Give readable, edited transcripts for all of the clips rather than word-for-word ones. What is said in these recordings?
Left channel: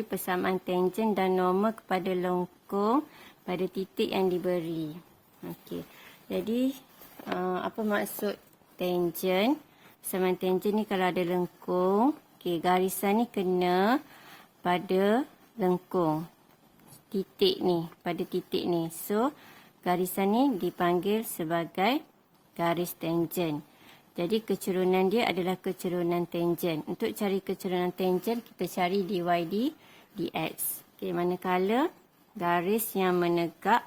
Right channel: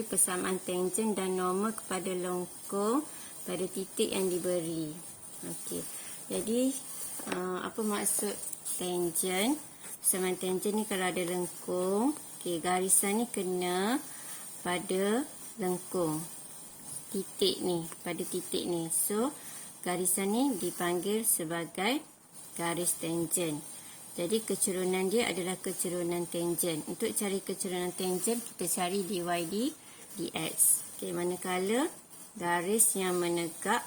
cari persamaan tangen dan norma kepada lengkung pada titik yang diberi. Okey. Jadi apa maksud tangen? Persamaan tangen ni kalau ada lengkung, okey, garisan ni kena pada lengkung. Titik ni, pada titik ni. So, garisan ni dipanggil sebagai garis tangen. Jadi kecerunan dia adalah kecerunan tangen. Untuk cari kecerunan tangen, kita cari dy dx. Okey, manakala garis yang menegak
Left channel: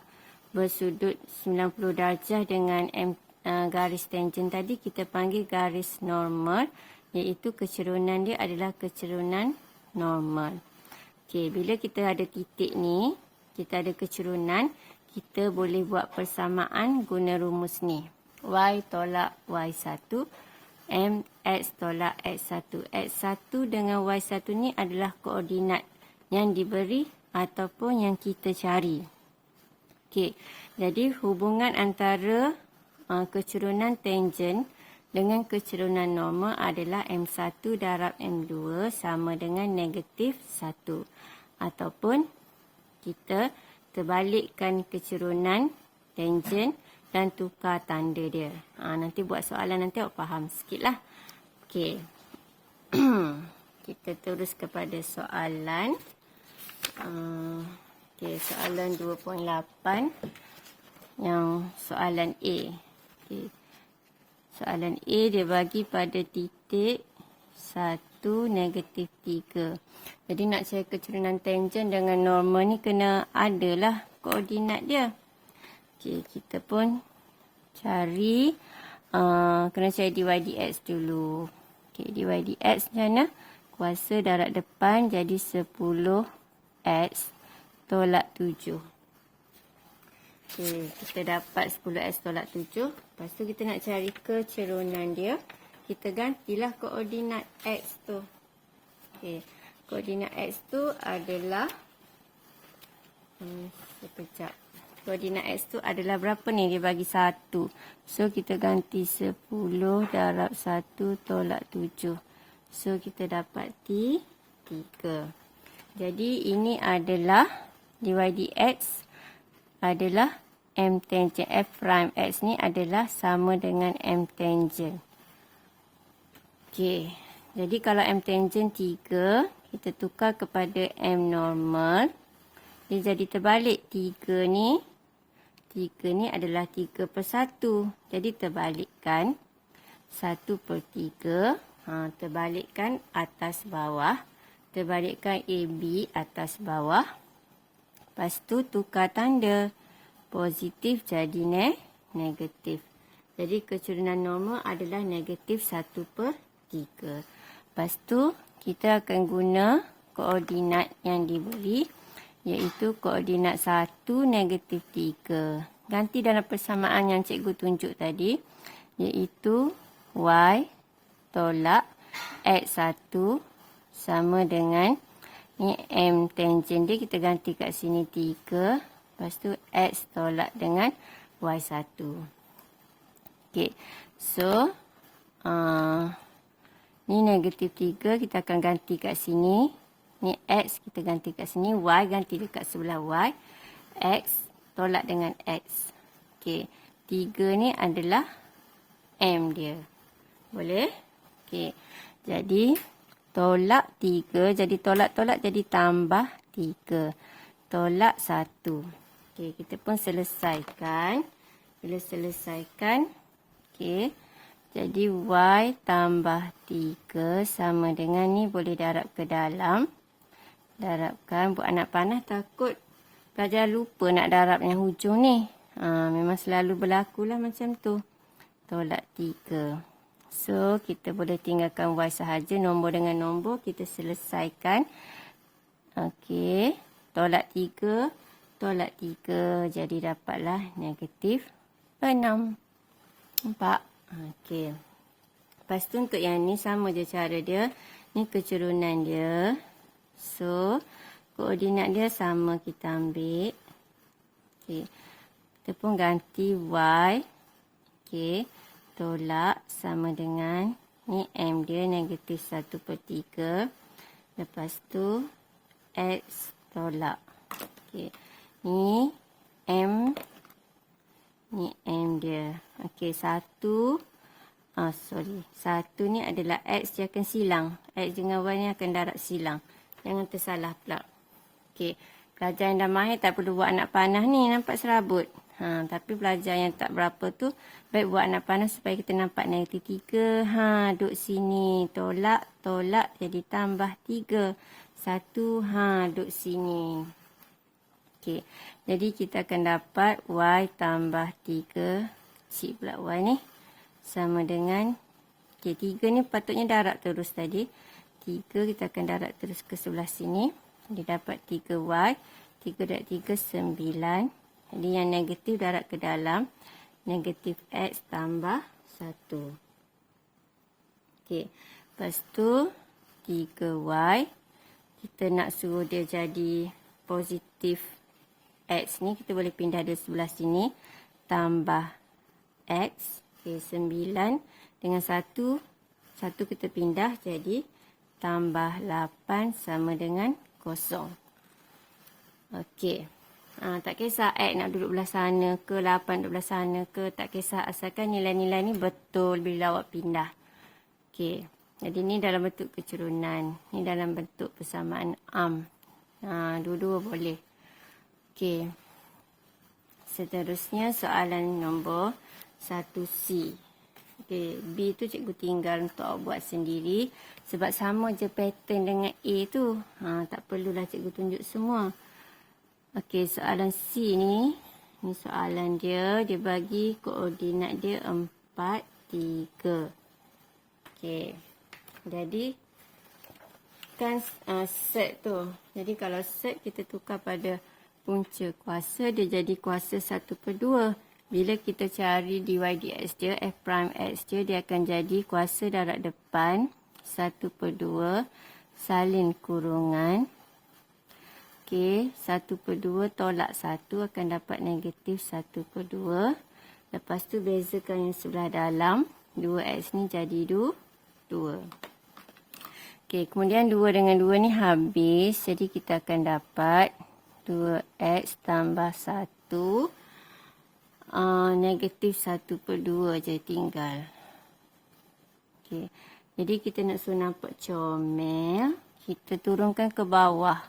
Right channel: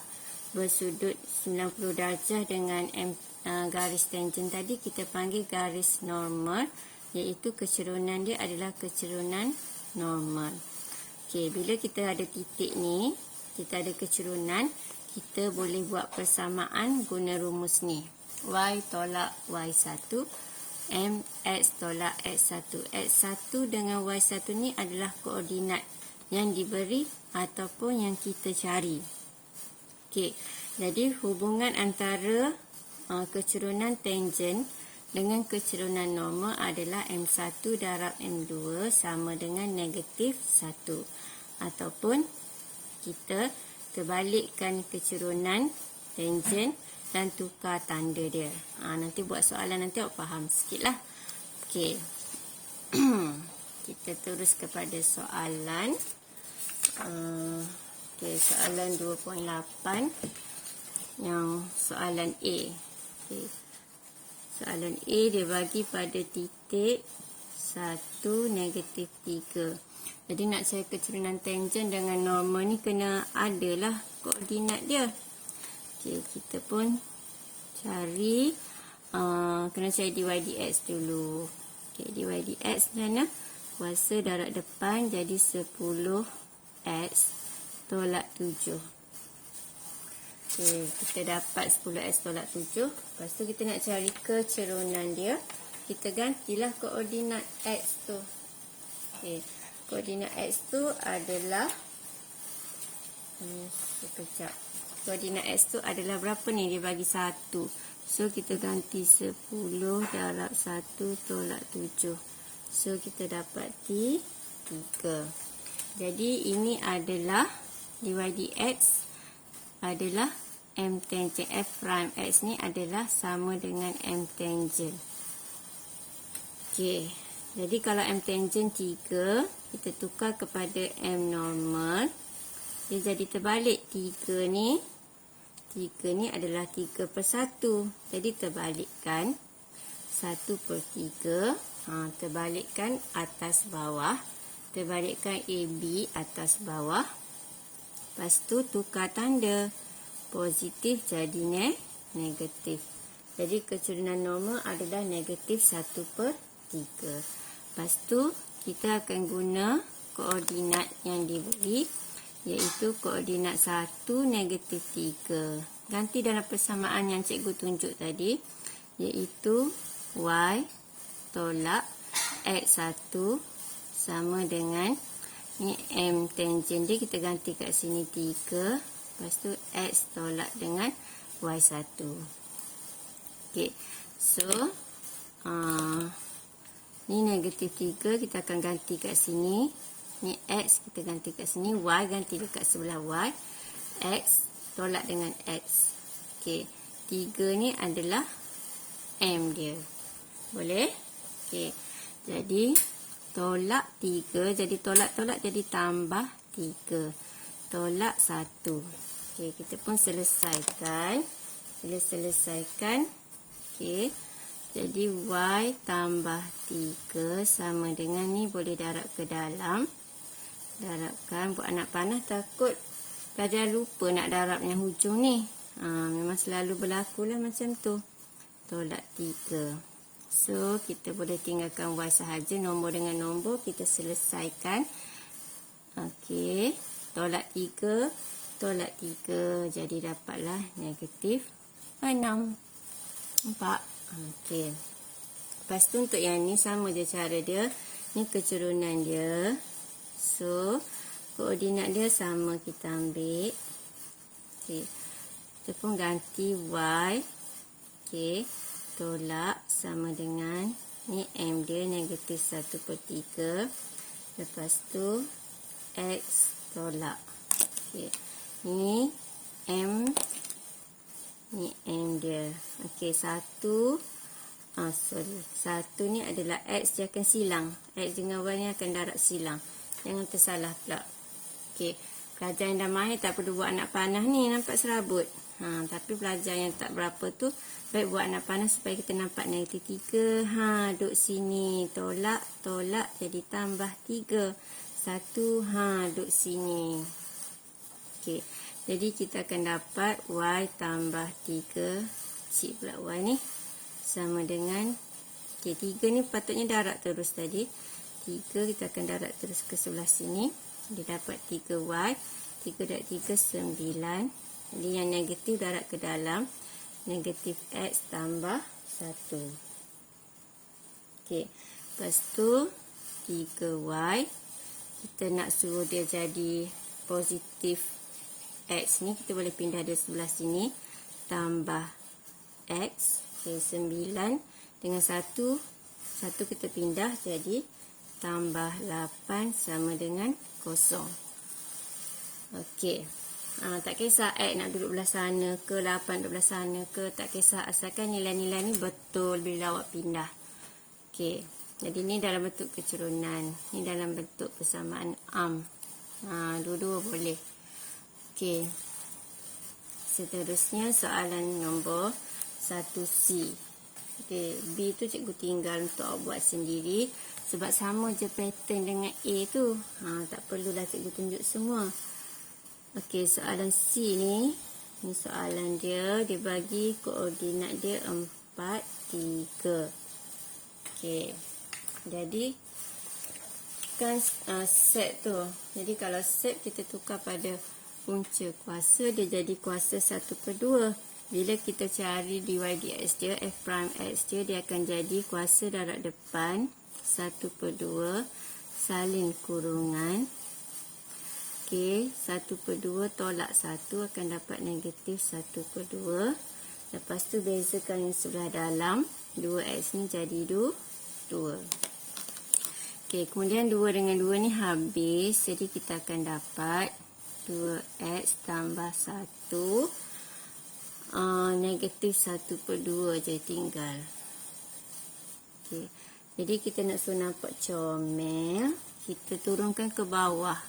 bersudut 90 darjah dengan garis tangen tadi kita panggil garis normal, iaitu kecerunan dia adalah kecerunan normal. Okey, bila kita ada titik ni, kita ada kecerunan, kita boleh buat persamaan guna rumus ni. Y tolak Y1, MX tolak X1. X1 dengan Y1 ni adalah koordinat yang diberi ataupun yang kita cari. Okey, jadi hubungan antara kecerunan tangen dengan kecerunan normal adalah M1 darab M2 sama dengan negatif 1. Ataupun kita terbalikkan kecerunan tangen dan tukar tanda dia. Nanti buat soalan nanti awak faham sikit lah. Okey. Kita terus kepada soalan. Okey, soalan 2.8 yang soalan A. Okey. Soalan A dia bagi pada titik 1, negatif 3. Jadi nak cari kecerunan tangen dengan normal ni kena adalah koordinat dia. Okey, kita pun cari kena cari dy dx dulu. Okey, dy dx mana? Kuasa darab depan jadi 10x tolak 7. Okey, kita dapat 10x tolak 7. Lepas tu kita nak cari kecerunan dia. Kita gantilah koordinat x tu. Okey, koordinat x tu adalah sekejap. Koordinat x tu adalah berapa ni? Dia bagi 1. So, kita ganti 10 darab 1 tolak 7. So, kita dapat 3. Jadi, ini adalah dy dx adalah m tangen. F prime x ni adalah sama dengan m tangen. Okey. Jadi, kalau m tangen 3, kita tukar kepada m normal. Dia jadi terbalik. 3 ni adalah 3/1. Jadi terbalikkan 1/3. Terbalikkan atas bawah. Terbalikkan AB atas bawah. Lepas tu tukar tanda. Positif jadi negatif. Jadi kecerunan normal adalah negatif 1/3. Lepas tu kita akan guna koordinat yang diberi, iaitu koordinat 1, negatif 3. Ganti dalam persamaan yang cikgu tunjuk tadi, iaitu Y tolak X1 sama dengan ni M tangen dia, kita ganti kat sini 3. Lepas tu X tolak dengan Y1. Okey, so ni negatif 3, kita akan ganti kat sini. Ni X kita ganti kat sini, Y ganti dekat sebelah Y. X tolak dengan X. Okey, 3 ni adalah M dia. Boleh? Okey, jadi tolak 3, jadi tolak-tolak jadi tambah 3. Tolak 1. Okey, kita pun selesaikan. Bila selesaikan, okey, jadi Y tambah 3 sama dengan ni, boleh darab ke dalam. Darabkan, buat anak panas takut pelajar lupa nak darab yang hujung ni. Memang selalu berlaku lah macam tu. Tolak 3. So, kita boleh tinggalkan Y sahaja. Nombor dengan nombor kita selesaikan. Okey. Tolak 3. Tolak 3. Jadi dapatlah negatif 6. Nampak? Okey. Lepas tu untuk yang ni sama je cara dia. Ni kecerunan dia. So, koordinat dia sama kita ambil. Okey. Kita pun ganti Y. Okey. Tolak sama dengan ni M dia negatif 1/3. Lepas tu X tolak. Okey. Ni M. Ni M dia. Okey, satu ni adalah X, dia akan silang. X dengan Y ni akan darab silang. Jangan tersalah pula. Okey. Pelajar yang dah mahir tak perlu buat anak panah ni, nampak serabut. Tapi pelajar yang tak berapa tu, baik buat anak panah supaya kita nampak negatif 3. Duduk sini. Tolak, tolak jadi tambah 3. 1, duduk sini. Okey. Jadi kita akan dapat Y tambah 3. Cik pula Y ni. Sama dengan, okey, 3 ni patutnya darab terus tadi. 3 kita akan darab terus ke sebelah sini. Dia dapat 3Y. 3 darab 3, 9. Jadi yang negatif darab ke dalam. Negatif X tambah 1. Okey. Lepas tu 3Y. Kita nak suruh dia jadi positif X ni. Kita boleh pindah dari sebelah sini. Tambah X. Okey, 9 dengan 1. 1 kita pindah jadi tambah 8 sama dengan 0. Okey. Tak kisah X nak duduk belah sana ke, 8 duduk belah sana ke, tak kisah, asalkan nilai-nilai ni betul bila awak pindah. Okey. Jadi ni dalam bentuk kecerunan, ni dalam bentuk persamaan am. Dua-dua boleh. Okey. Seterusnya soalan nombor 1C. Okey, B tu cikgu tinggal untuk awak buat sendiri sebab sama je pattern dengan A tu. Tak perlulah cikgu tunjuk semua. Okey, soalan C ni soalan dia bagi koordinat dia 4, 3. Okey. Jadi kan set tu. Jadi kalau set kita tukar pada punca kuasa, dia jadi kuasa 1/2. Bila kita cari dy dx dia, f prime x dia akan jadi kuasa darab depan 1/2 salin kurungan. Okey, 1/2 tolak 1 akan dapat negatif 1/2. Lepas tu bezakan yang sebelah dalam. 2x ni jadi 2. Okey, kemudian 2 dengan 2 ni habis. Jadi kita akan dapat 2x tambah 1. Negatif 1/2 je tinggal. Okey. Jadi kita nak suruh nampak comel, kita turunkan ke bawah.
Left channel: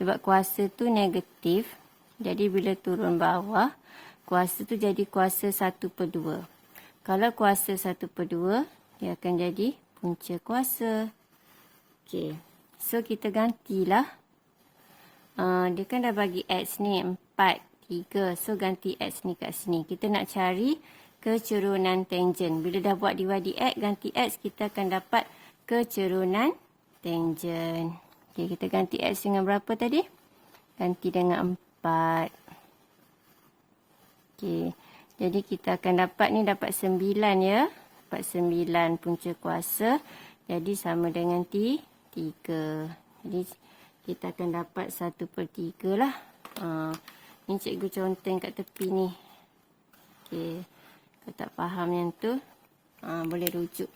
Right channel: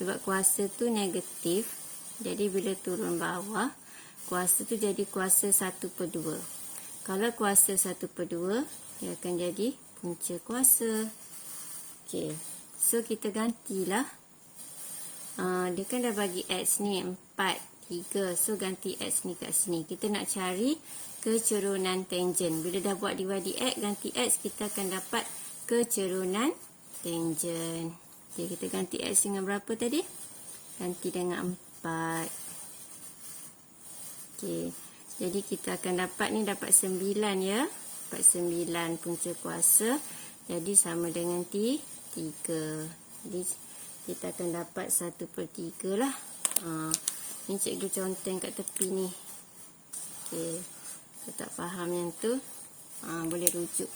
Sebab kuasa tu negatif. Jadi bila turun bawah, kuasa tu jadi kuasa 1/2. Kalau kuasa 1/2, dia akan jadi punca kuasa. Okey. So kita gantilah. Dia kan dah bagi X ni 4, 3. So ganti X ni kat sini. Kita nak cari kecerunan tangent. Bila dah buat dy dx, ganti X, kita akan dapat kecerunan tangent. Okay, kita ganti X dengan berapa tadi? Ganti dengan 4. Okay. Jadi kita akan dapat ni dapat 9 ya. Dapat 9 punca kuasa. Jadi sama dengan 3. Jadi kita akan dapat 1/3 lah. Ni cikgu conteng kat tepi ni. Okey. Kalau tak faham yang tu, boleh rujuk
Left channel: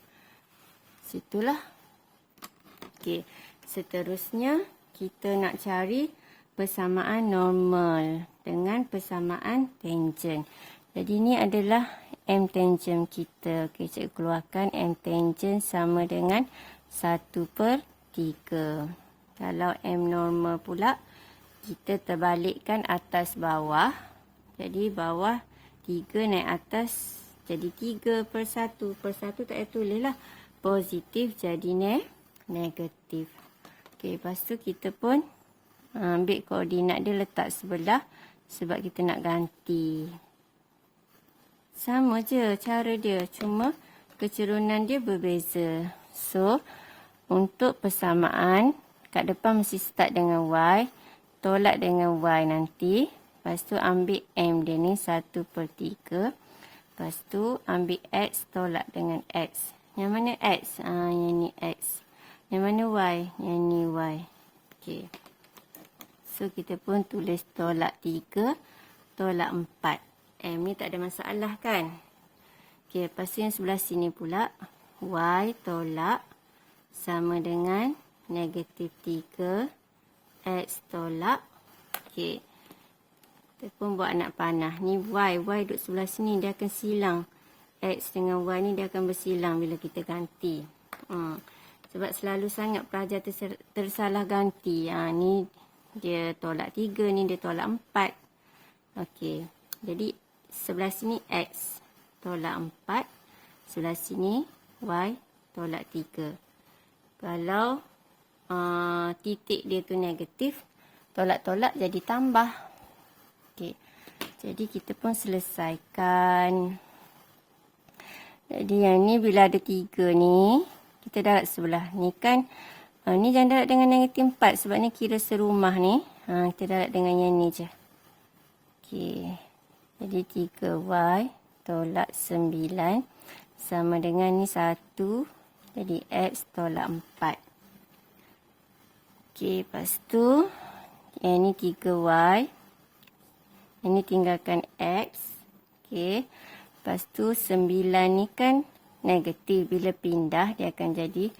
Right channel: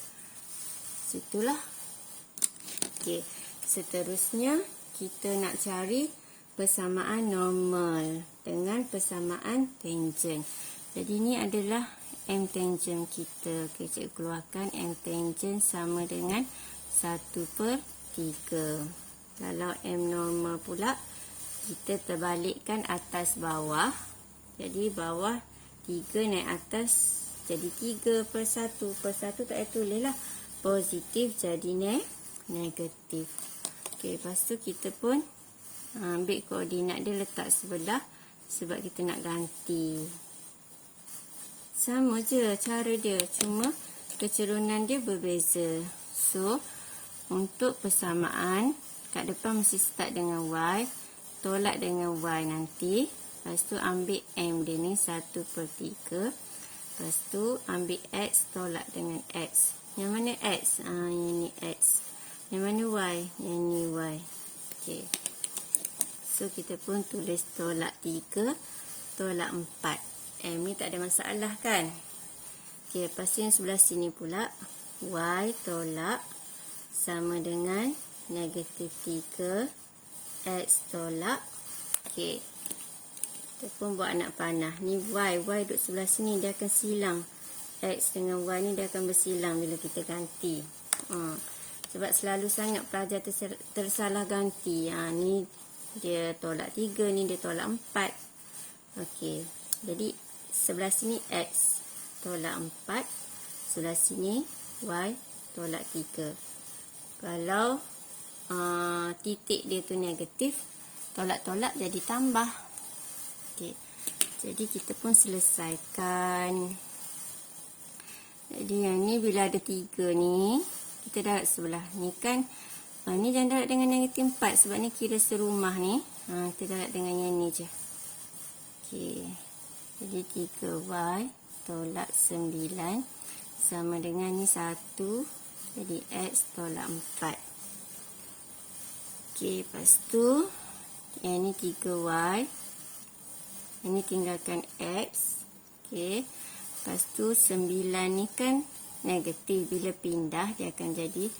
situlah. Okey. Seterusnya, kita nak cari persamaan normal dengan persamaan tangent. Jadi ni adalah M tangent kita. Okey, cikgu keluarkan M tangent sama dengan 1/3. Kalau M normal pula, kita terbalikkan atas bawah. Jadi bawah 3 naik atas jadi 3/1. Per 1 tak payah tulis lah. Positif jadi negatif. Okey, lepas tu kita pun ambil koordinat dia letak sebelah sebab kita nak ganti. Sama je cara dia, cuma kecerunan dia berbeza. So, untuk persamaan, kat depan mesti start dengan Y. Tolak dengan Y nanti. Lepas tu ambil M dia ni 1/3. Lepas tu ambil X tolak dengan X. Yang mana X? Yang ni X. Yang mana Y? Yang ni Y. Okey. So kita pun tulis tolak 3. Tolak 4. M ni tak ada masalah kan? Okey. Lepas tu yang sebelah sini pula. Y tolak sama dengan negatif 3. X tolak. Okey. Kita pun buat anak panah. Ni Y duduk sebelah sini, dia akan silang. X dengan Y ni dia akan bersilang bila kita ganti. Sebab selalu sangat pelajar tersalah ganti. Ni dia tolak 3, ni dia tolak 4. Okey. Jadi sebelah sini X tolak 4. Sebelah sini Y tolak 3. Kalau titik dia tu negatif, tolak-tolak jadi tambah. Okey. Jadi kita pun selesaikan. Jadi yang ni bila ada 3 ni, kita darab sebelah ni kan. Ni jangan darab dengan negatif 4 sebab ni kira serumah ni. Kita darab dengan yang ni je. Okey. Jadi 3Y tolak 9 sama dengan ni 1. Jadi X tolak 4. Okey, lepas tu yang ni 3Y. Ini tinggalkan X. Okey. Lepas tu 9 ni kan negatif. Bila pindah dia akan jadi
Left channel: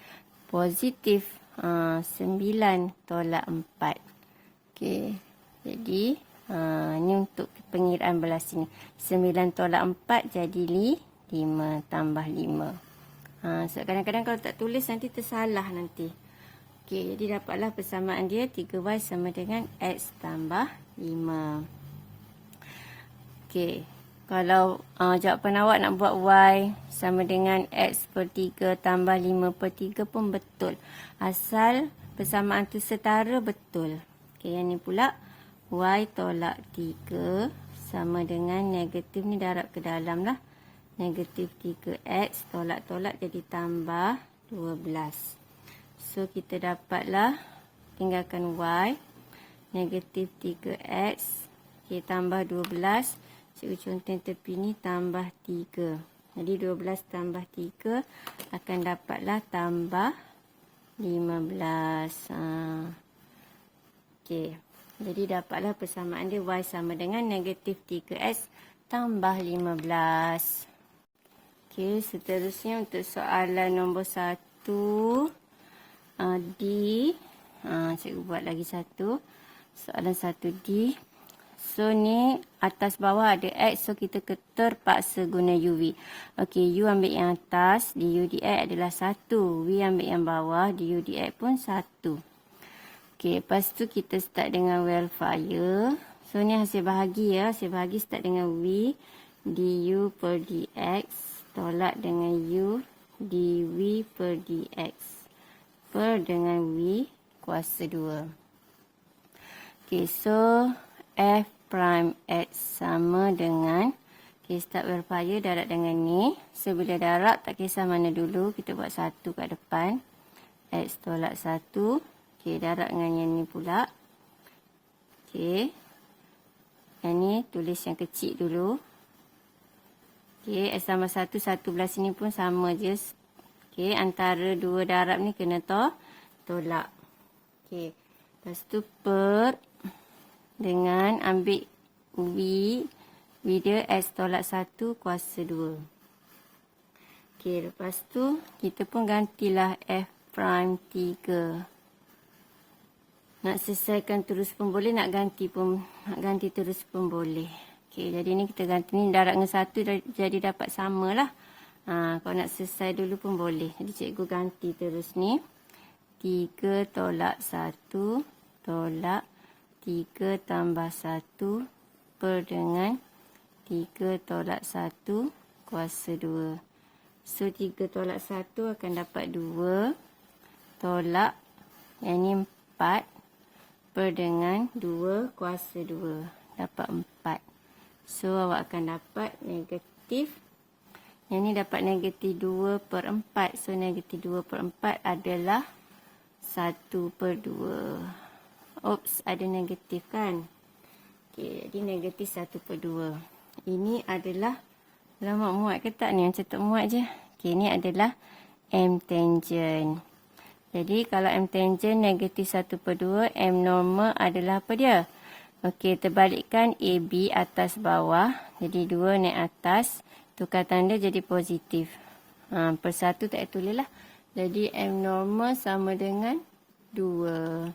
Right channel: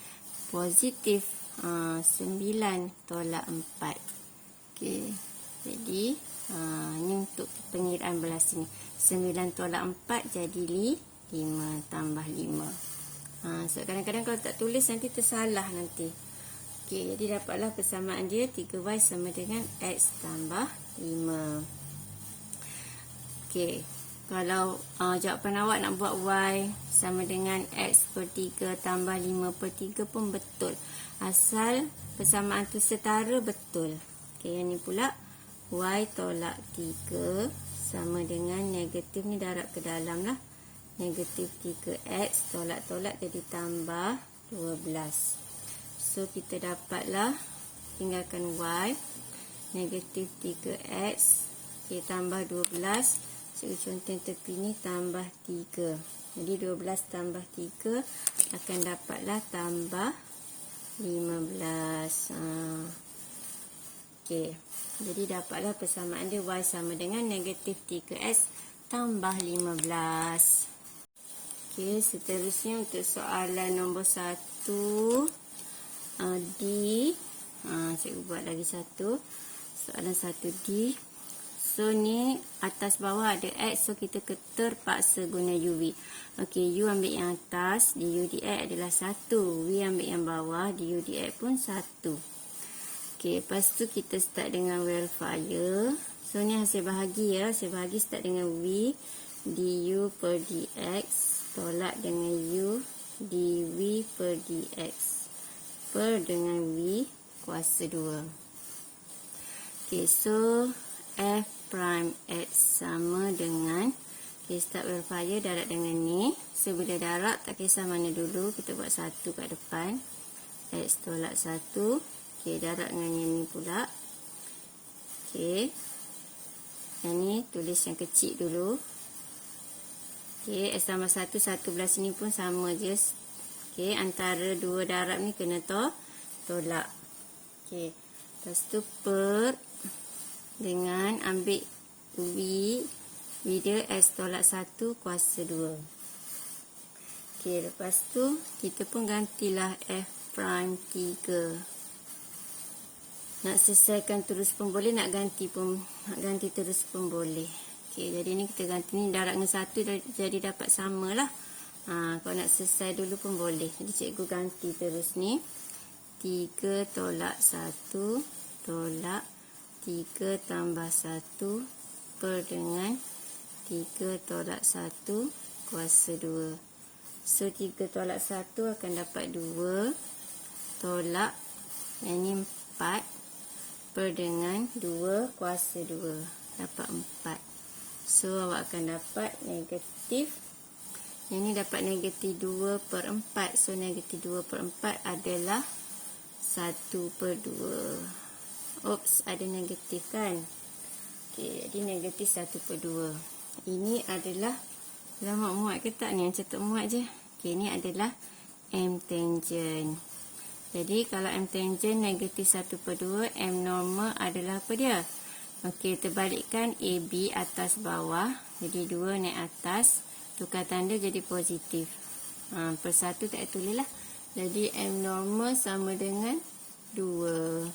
positif. 9 tolak 4. Okey. Jadi ni untuk pengiraan belah sini. 9 tolak 4 jadi 5 tambah 5. So kadang-kadang kalau tak tulis nanti tersalah nanti. Okey, jadi dapatlah persamaan dia 3Y sama dengan X tambah 5. Okey, kalau jawapan awak nak buat Y sama dengan X per 3 tambah 5 per 3 pun betul. Asal persamaan tu setara betul. Okey, yang ni pula Y tolak 3 sama dengan negatif ni darab ke dalam lah. Negatif 3X tolak-tolak jadi tambah 12. So kita dapatlah tinggalkan Y. Negatif 3X. Okay, tambah 12. Cikgu contoh tepi ni tambah 3. Jadi 12 tambah 3 akan dapatlah tambah 15. Okey. Jadi dapatlah persamaan dia Y sama dengan negatif 3X tambah 15. Okey, seterusnya untuk soalan nombor 1. D. Cikgu buat lagi satu. Soalan 1D. So ni atas bawah ada X. So kita terpaksa guna UV. Okey, U ambil yang atas. DU DX adalah 1. V ambil yang bawah. DU DX pun 1. Okey, lepas tu kita start dengan verifier. So ni hasil bahagi ya. Hasil bahagi start dengan V. DU per DX. Tolak dengan U. DV per DX. Per dengan V kuasa 2. Okey, so F prime X sama dengan, okay, start verifier darab dengan ni. So bila darab tak kisah mana dulu, kita buat 1 kat depan. X tolak 1. Okey, darab dengan yang ni pula. Okey. Yang ni tulis yang kecil dulu. Okey, X tambah 1, 1 belah sini pun sama je. Okey, antara dua darab ni kena tolak. Okey, lepas tu per dengan ambil V dia X tolak 1 kuasa 2. Okey, lepas tu kita pun gantilah F prime 3. Nak selesaikan terus pun boleh, nak ganti terus pun boleh. Okey, jadi ni kita ganti ni darab dengan 1 jadi dapat samalah. Kalau nak selesai dulu pun boleh. Jadi cikgu ganti terus ni. 3 tolak 1 tolak 3 tambah 1 per dengan 3 tolak 1 kuasa 2. So 3 tolak 1 akan dapat 2 tolak yang ni 4 per dengan 2 kuasa 2. Dapat 4. So awak akan dapat negatif. Yang ni dapat negatif 2 per 4. So negatif 2 per 4 adalah 1 per 2. Oops, ada negatif kan. Okey, jadi negatif 1 per 2. Ini adalah, lama muat ke tak ni? Macam tak muat je. Okey, ini adalah M tangent. Jadi kalau M tangent negatif 1 per 2, M normal adalah apa dia? Okey, terbalikkan AB atas bawah. Jadi 2 naik atas. Tukar tanda jadi positif. Per 1 tak tulis lah. Jadi M normal sama dengan 2.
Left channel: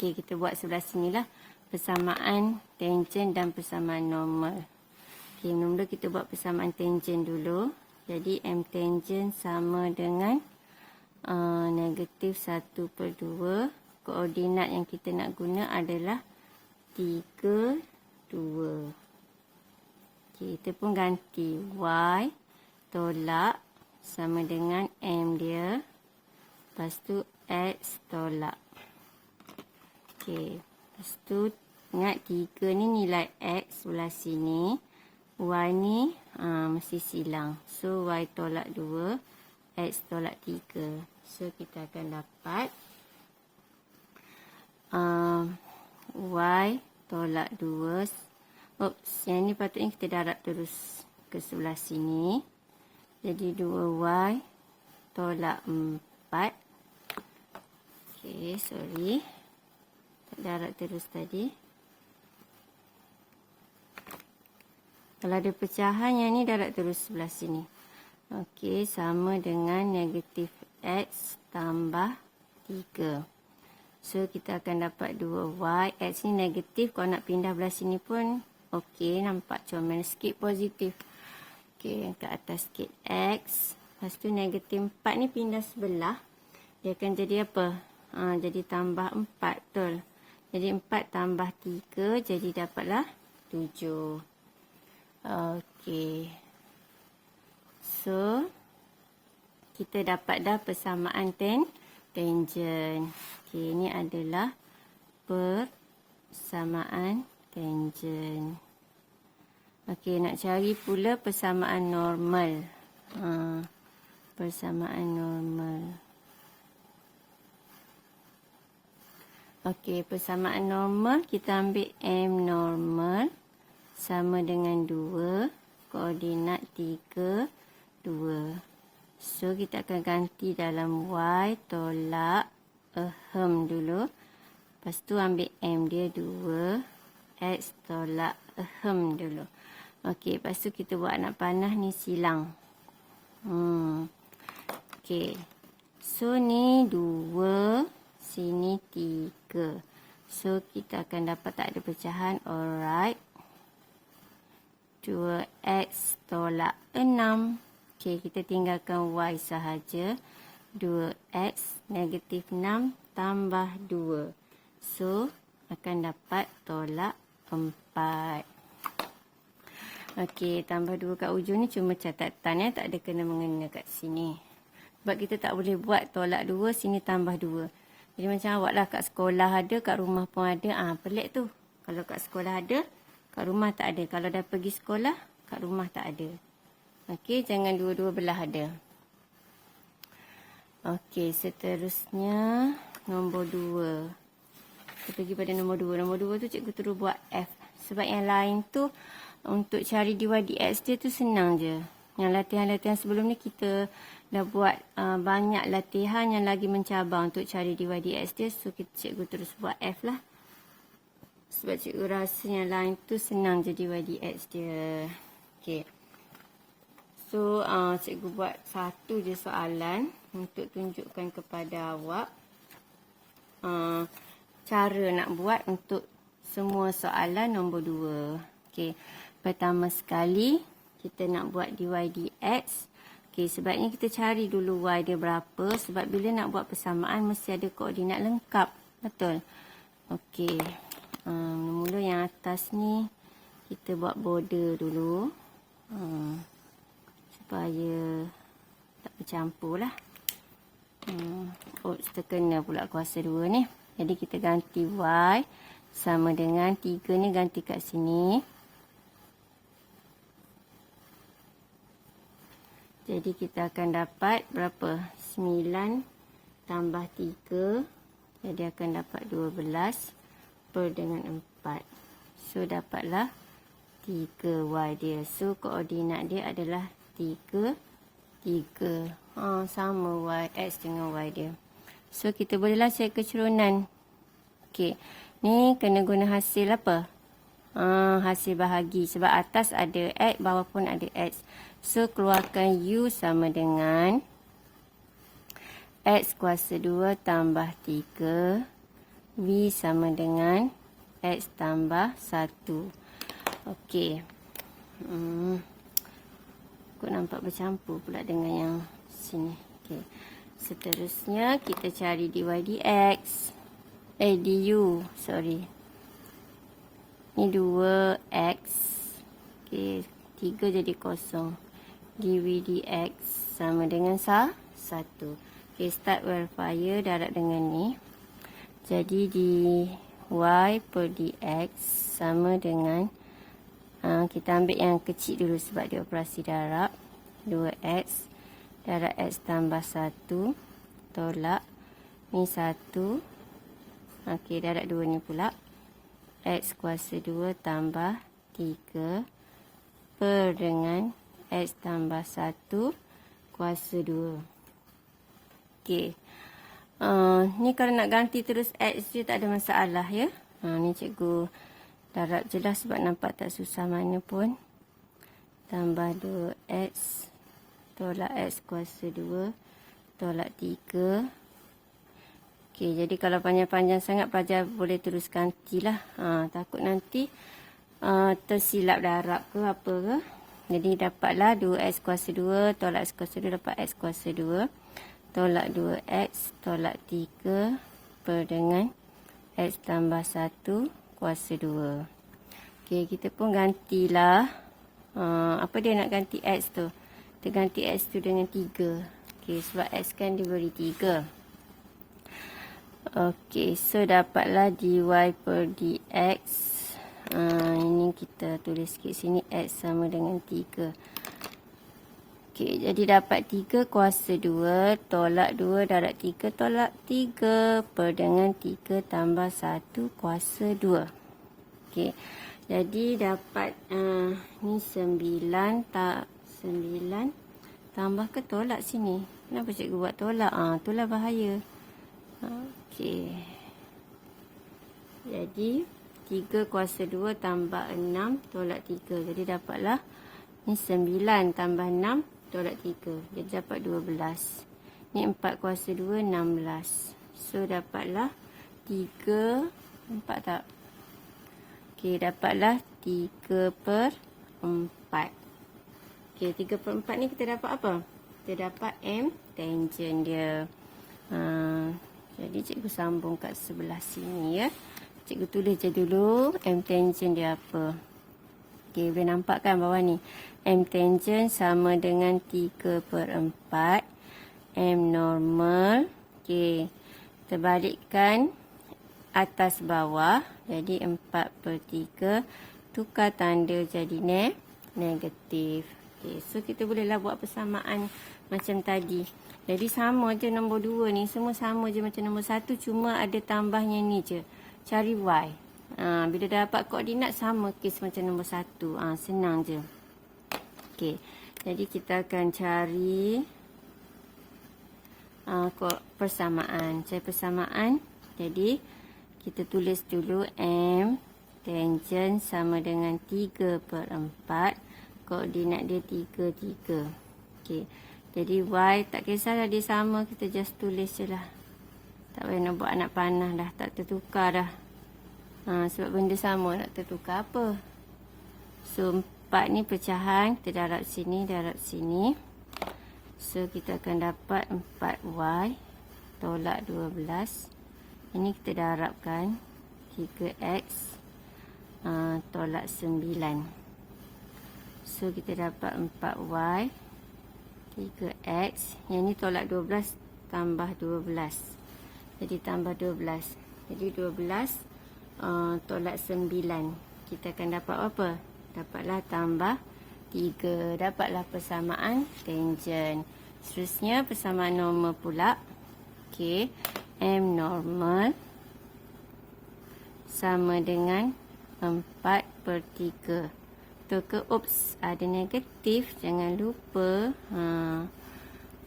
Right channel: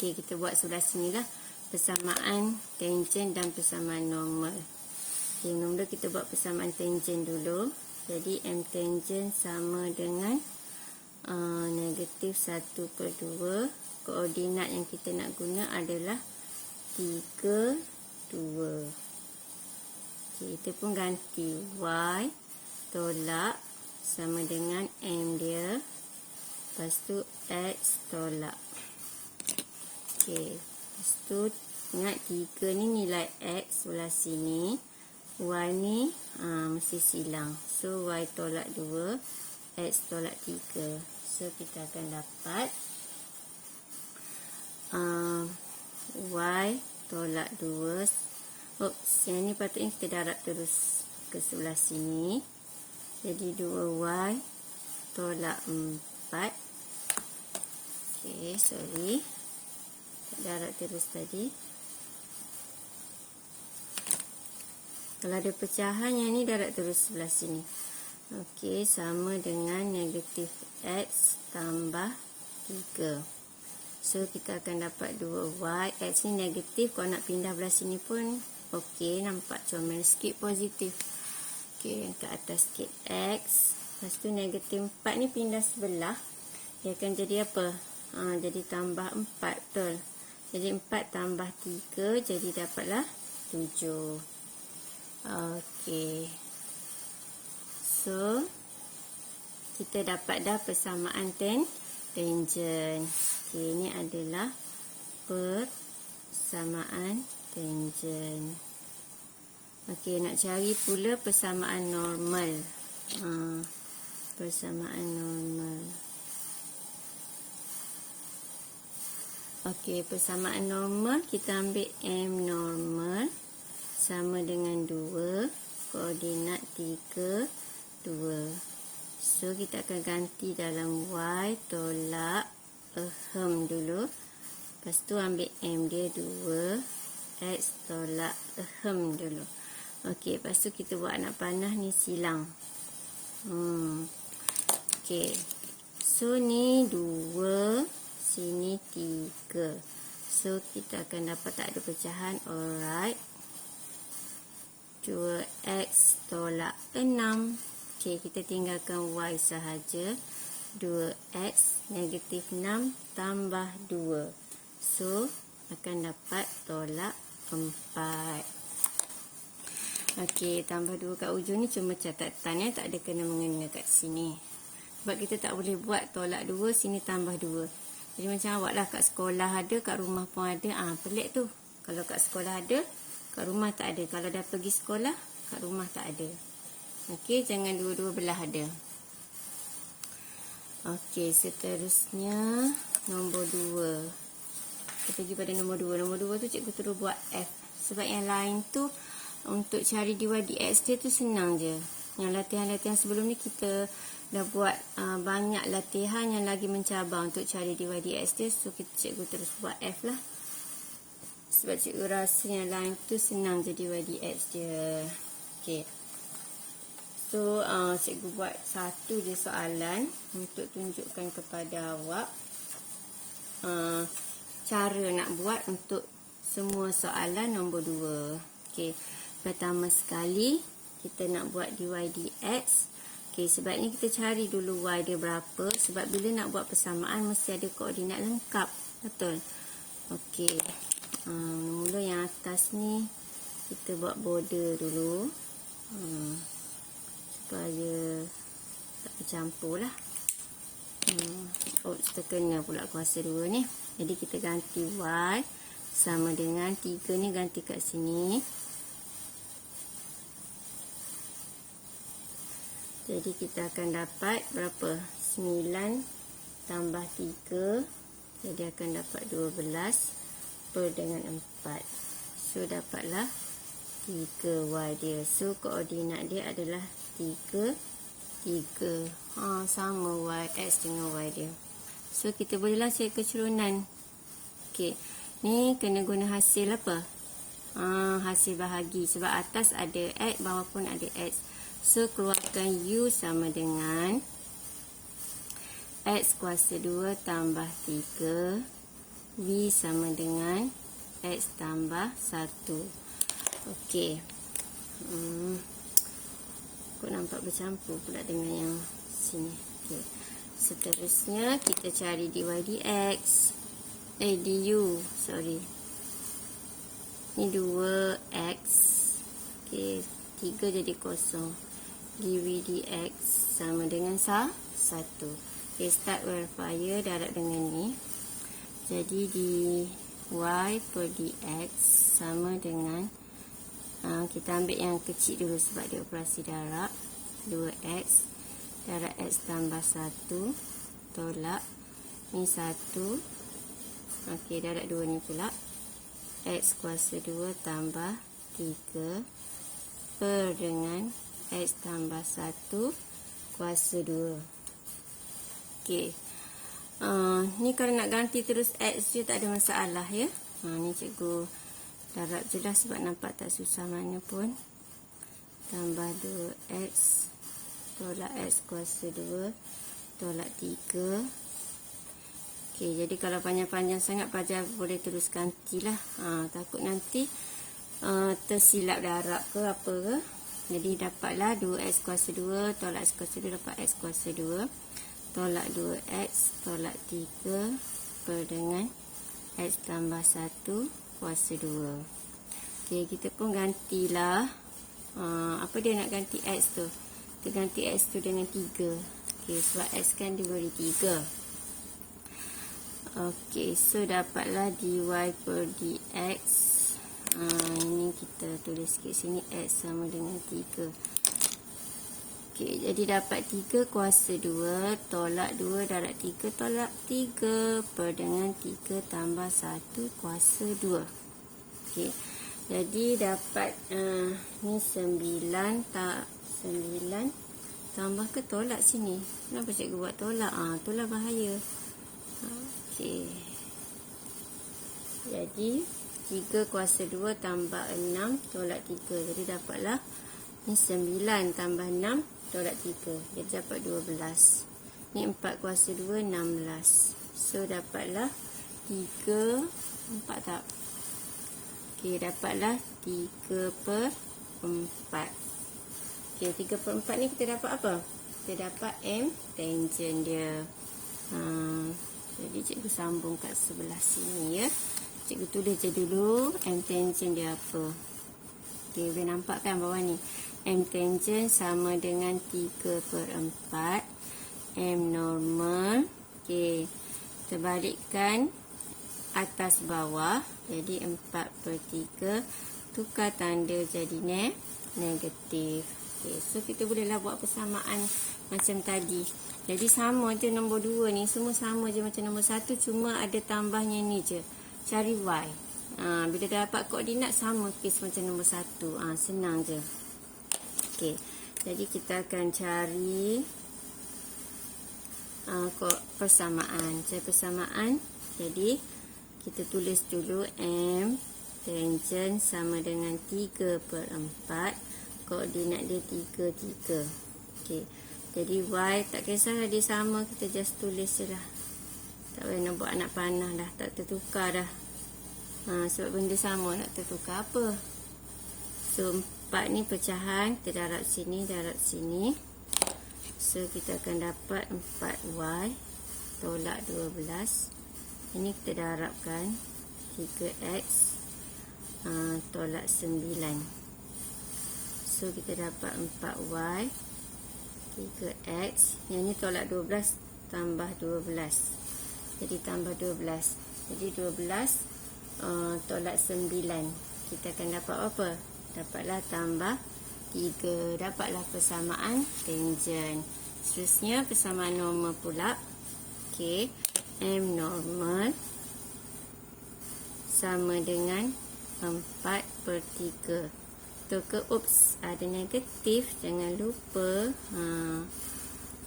Okey, kita buat sebelah sini lah. Persamaan tangent dan persamaan normal. Okey, mula kita buat persamaan tangent dulu. Jadi M tangent sama dengan negatif 1/2. Koordinat yang kita nak guna adalah 3, 2. Okey, kita pun ganti Y tolak sama dengan M dia. Lepas tu X tolak. Okey, lepas tu ingat 3 ni nilai X sebelah sini. Y ni mesti silang. So Y tolak 2, X tolak 3. So kita akan dapat Y tolak 2. Oops, yang ni patutnya kita darab terus ke sebelah sini. Jadi 2Y tolak 4. Okey, sorry. Darab terus tadi. Kalau ada pecahan, yang ni darab terus sebelah sini. Okey, sama dengan negatif X tambah 3. So, kita akan dapat 2Y. X ni negatif. Kalau nak pindah belah sini pun okey. Nampak comel sikit positif. Okey, yang ke atas sikit X. Lepas tu negatif 4 ni pindah sebelah. Dia akan jadi apa? Jadi tambah 4. Betul. Jadi 4 tambah 3. Jadi dapatlah 7. Okey. So, kita dapat dah persamaan tangent. Okey, ini adalah persamaan tangent. Okey, nak cari pula persamaan normal. Persamaan normal. Okey, persamaan normal kita ambil M normal sama dengan 2. Koordinat 3, 2. So, kita akan ganti dalam Y tolak dulu. Lepas tu ambil M dia 2. X tolak dulu. Okey, lepas tu kita buat anak panah ni silang. Okey. So, ni 2. Sini 3. So, kita akan dapat tak ada pecahan. Alright. 2X tolak 6. Okey, kita tinggalkan Y sahaja. 2X negatif 6 tambah 2. So, akan dapat tolak 4. Okey, tambah 2 kat ujung ni cuma catatan ya. Tak ada kena-mengena kat sini. Sebab kita tak boleh buat tolak 2, sini tambah 2. Jadi macam awak lah kat sekolah ada, kat rumah pun ada. Pelik tu. Kalau kat sekolah ada, kat rumah tak ada. Kalau dah pergi sekolah, kat rumah tak ada. Okey, jangan dua-dua belah ada. Okey, seterusnya nombor 2. Kita pergi pada nombor 2. Nombor 2 tu cikgu terus buat F. Sebab yang lain tu untuk cari dy dx dia tu senang je. Yang latihan-latihan sebelum ni kita dah buat banyak latihan yang lagi mencabar untuk cari dy dx dia. So, cikgu terus buat F lah. Sebab cikgu rasa yang lain tu senang je dy dx dia. Okey. So, cikgu buat satu je soalan untuk tunjukkan kepada awak cara nak buat untuk semua soalan nombor 2. Okey. Pertama sekali, kita nak buat dy dx. Okey, sebabnya kita cari dulu y dia berapa. Sebab bila nak buat persamaan, mesti ada koordinat lengkap. Betul? Okey. Mula yang atas ni, kita buat border dulu. Supaya tak bercampur lah. Terkena pula kuasa 2 ni. Jadi kita ganti y sama dengan 3 ni ganti kat sini. Jadi kita akan dapat berapa? 9 tambah 3. Jadi akan dapat 12 per dengan 4. So dapatlah 3y dia. So koordinat dia adalah 3, 3. Sama y, x dengan y dia. So kita bolehlah cari kecurunan. Okey. Ni kena guna hasil apa? Hasil bahagi. Sebab atas ada x, bawah pun ada x. So keluarkan u sama dengan x kuasa 2 tambah 3 V sama dengan X tambah 1. Okey. Aku nampak bercampur pula dengan yang sini. Okey. Seterusnya kita cari dy dx. Du, sorry. Ni 2x. Okey, 3 jadi kosong. Dv dx sama dengan 1. Okey, start verifier darab dengan ni. Jadi dy per dx sama dengan kita ambil yang kecil dulu sebab dia operasi darab. 2x darab x tambah 1 tolak ni 1. Okey, darab 2 ni pula. X kuasa 2 tambah 3 per dengan X tambah 1 kuasa 2. Okey. Ni kalau nak ganti terus X je tak ada masalah ya. Ni cikgu darab je dah sebab nampak tak susah mana pun. Tambah 2X tolak X kuasa 2 tolak 3. Okey, jadi kalau panjang-panjang sangat pelajar boleh terus gantilah. Takut nanti tersilap darab ke apa ke. Jadi dapatlah 2x kuasa 2 tolak x kuasa 2 dapat x kuasa 2 tolak 2x tolak 3 per dengan x tambah 1 kuasa 2. Okey, kita pun gantilah. Apa dia nak ganti x tu? Kita ganti x tu dengan 3. Okey, sebab x kan diberi 3. Okey, so dapatlah dy per dx. Ini kita tulis sikit sini, x sama dengan 3. Okey, jadi dapat 3 kuasa 2 tolak 2 darab 3 tolak 3 per dengan 3 tambah 1 kuasa 2. Okey, jadi dapat ni 9 tambah ke tolak sini. Kenapa cikgu buat tolak? Itulah bahaya. Okey. Jadi 3 kuasa 2 tambah 6 tolak 3. Jadi dapatlah ni 9 tambah 6 tolak 3. Jadi dapat 12. Ni 4 kuasa 2 16. So dapatlah 3 4 tak. Okey, dapatlah 3 per 4. Okey, 3 per 4 ni kita dapat apa? Kita dapat M tangent dia. Jadi cikgu sambung kat sebelah sini ya. Cikgu tulis je dulu M tangent dia apa. Okey, boleh nampak kan bawah ni. M tangent sama dengan 3 per 4. M normal. Okey, terbalikkan atas bawah. Jadi 4 per 3. Tukar tanda jadi negatif. Okey, so kita bolehlah buat persamaan macam tadi. Jadi sama je nombor 2 ni. Semua sama je macam nombor 1. Cuma ada tambahnya ni je. Cari Y. Bila dah dapat koordinat sama kes macam nombor 1. Senang je. Okey. Jadi kita akan cari persamaan. Cari persamaan. Jadi kita tulis dulu M tangent sama dengan 3 per 4. Koordinat dia 3, 3. Okey. Jadi Y tak kisahlah dia sama, kita just tulis je lah. Tak payah nak buat anak panah dah, tak tertukar dah. Sebab benda sama, nak tertukar apa. So 4 ni pecahan, kita darab sini, darab sini. So kita akan dapat 4Y tolak 12. Ini kita darabkan 3X tolak 9. So kita dapat 4Y 3x, yang ni tolak 12 tambah 12. Jadi tambah 12. Jadi 12 tolak 9. Kita akan dapat apa? Dapatlah tambah 3. Dapatlah persamaan tangent. Seterusnya persamaan normal pula. Okey, M normal sama dengan 4 per 3. Oops, ada negatif, jangan lupa.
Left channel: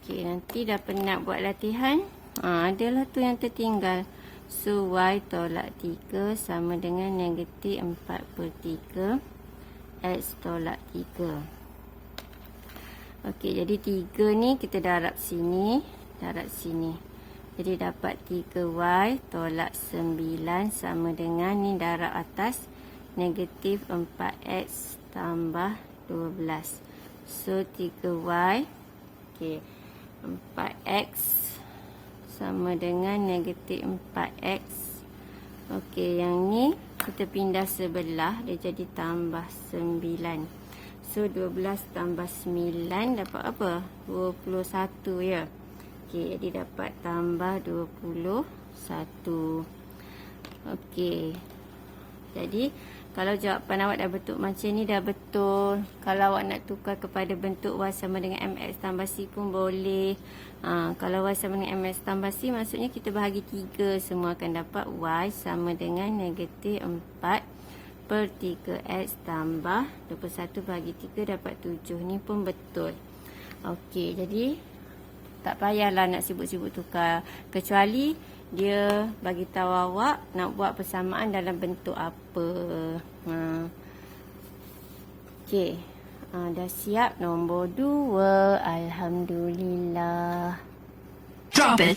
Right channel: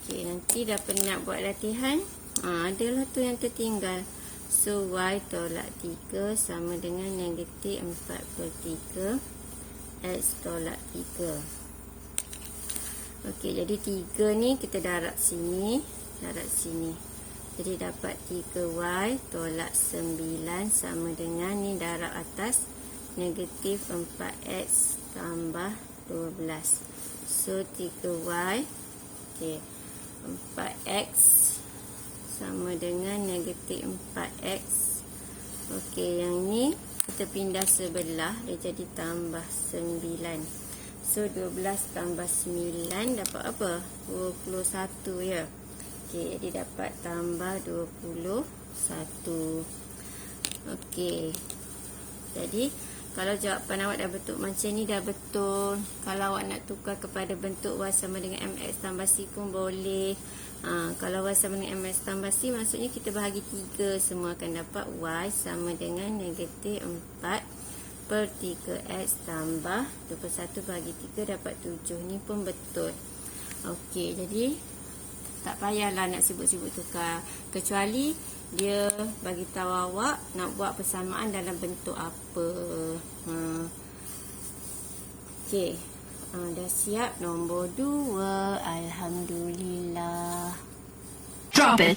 Okey, nanti dah penat buat latihan, adalah tu yang tertinggal. So Y tolak 3 sama dengan negatif 4 per 3 X tolak 3. Okey, jadi 3 ni kita darab sini, darab sini. Jadi dapat 3Y tolak 9 sama dengan ni darab atas negatif 4X tambah 12. So 3Y, okay, 4X sama dengan negatif 4X. Okey, yang ni kita pindah sebelah, dia jadi tambah 9. So 12 tambah 9 dapat apa? 21 ya. Okey, jadi dapat tambah 21. Okey. Jadi kalau jawapan awak dah bentuk macam ni dah betul. Kalau awak nak tukar kepada bentuk Y sama dengan MX tambah C pun boleh. Kalau Y sama dengan MX tambah C, maksudnya kita bahagi 3. Semua akan dapat Y sama dengan negatif 4 per 3X tambah 21 bahagi 3 dapat 7. Ni pun betul. Okey, jadi tak payahlah nak sibuk-sibuk tukar. Kecuali dia bagi tahu awak nak buat persamaan dalam bentuk apa. Okey. Dah siap nombor 2. Alhamdulillah. Drop it.